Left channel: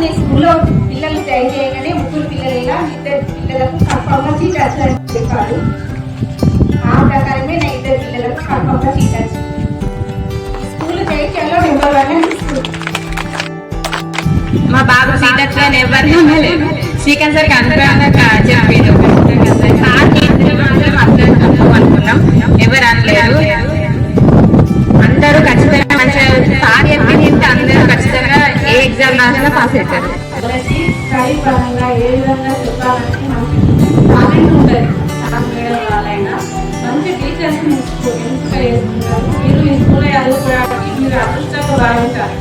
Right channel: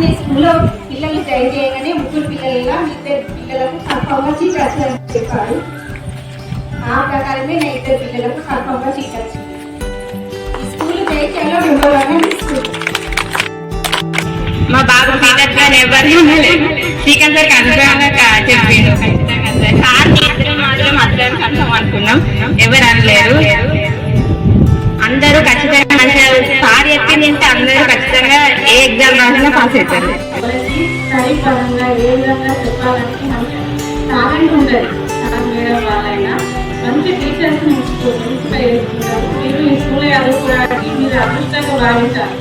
నీ స్కూల్లో పిల్లలు జాయిన్ చేయగానే ముగ్గురు పిల్లలుగా ఇద్దరు పిల్లలకు కన్ఫర్మ్గా సీట్ వచ్చిందని చెప్పాడు. ఆ ప్రకారమే నా ఇద్దరు పిల్లలకు కన్ఫర్మ్గా సీట్ వచ్చింది. స్కూల్ జయించడంలో నెంబర్ 1 స్కూల్. మా బాబు సీట్ వచ్చిన ఎవరు శ్రీకాంత్ సార్ కన్ఫర్మ్గా చెప్పిండు. సార్ మాత్రం అందరం కన్ఫర్మ్ అనుకున్నాం, ఎవరు అనలేరు. అందరూ ఖచ్చితంగా మంచిగా సార్ చెప్పింది అందరూ ఖచ్చితంగా ఏ ఎగ్జామ్ రాసినా పాస్ అవుతారు. స్టడీ పరంగా ఏ విధంగా చెప్పాలంటే మంచి టాలెంట్ ఉంటుంది. మేడం వాళ్ళైనా మంచి టీచర్స్ ఇన్స్పైర్ చేసుకుంటారు. మీరు ఈ స్కూల్లో చదువుకోవడానికి మీరు అదృష్టంగా భావించాలి.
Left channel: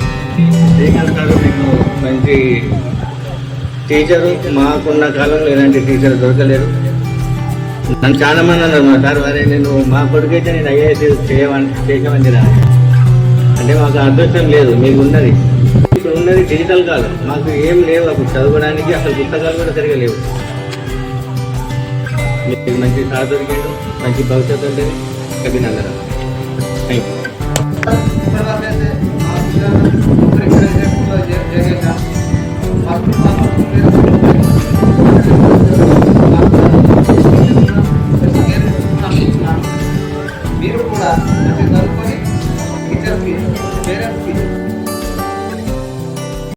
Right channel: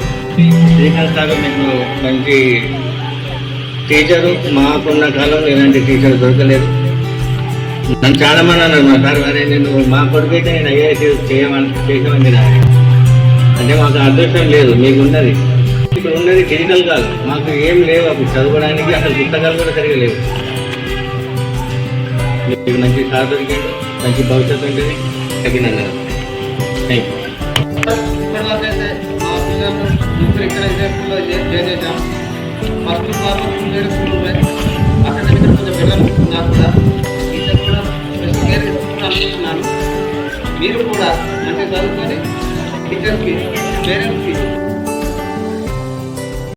శ్రీకాంత్ సార్ మీకు మంచి టీచరు. మాకున్న కాలంలో ఇలాంటి టీచర్ దొరకలేదు. నన్ను చాలా మంది అన్నారు, మా సార్ వారే నేను మా కొడుకైతే నేను ఐఏఎస్ చేసామని అంటే మాకు అదృష్టం లేదు. మీకు ఉన్నది ఇప్పుడు ఉన్నది డిజిటల్ కాదు, మాకు ఏం లేవు అప్పుడు చదవడానికి. అసలు పుస్తకాలు కూడా సరిగా లేవు. మీకు మంచి సార్ దొరికాడు, మంచి భవిష్యత్తు ఉంటుంది. అభినందన. Thank you. మీరు కూడా మంచిగా చదువుకొని టీచర్స్కి పేరెంట్స్కి